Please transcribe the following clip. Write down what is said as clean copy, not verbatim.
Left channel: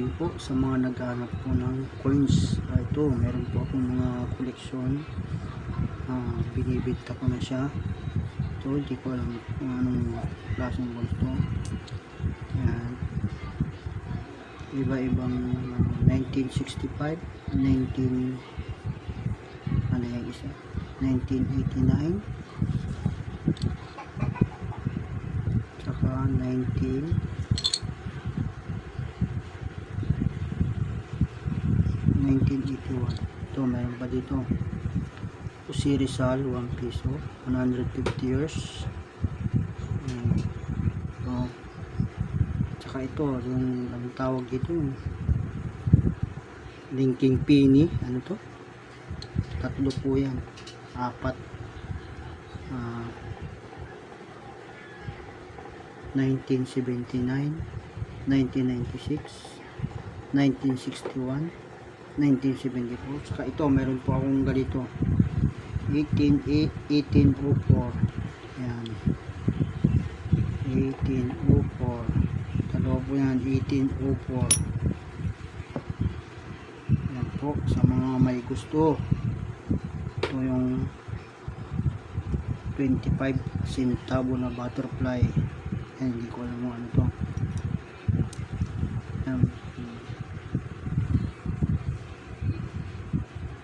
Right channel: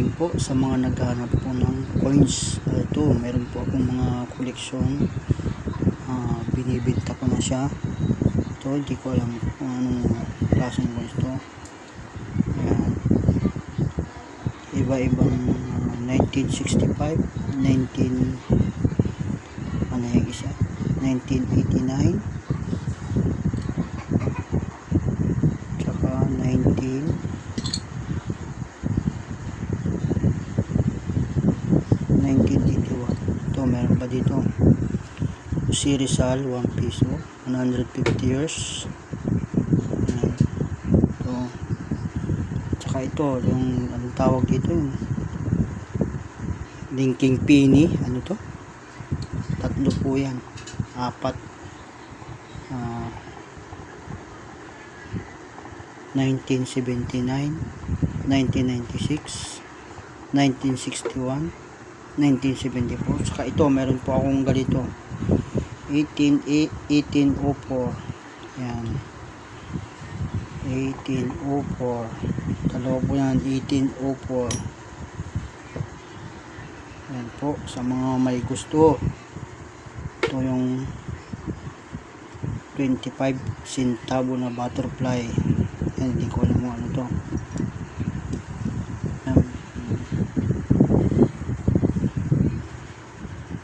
morning po sa mga naghahanap po ng coins. Ito, meron po akong mga koleksyon. Binibenta ko na siya. Ito, hindi ko alam kung anong klaseng coins to. Ayan. Iba-ibang 1965, 1989, tsaka 1981. Ito, meron pa dito. Si Rizal, 1 piso, 150 years. Ayan. Ito. Tsaka ito, yung anong tawag dito, yung linking penny. Ano to? Tatlo po yan. 4. 1979, 1996, 1961, 1974. Saka ito, meron po akong ganito, 1804. Ayan, 1804. Dalawa po yan, 1804. Ayan po, sa mga may gusto. Ito yung 25 centavo na butterfly. Ayan, hindi ko alam mo ano to.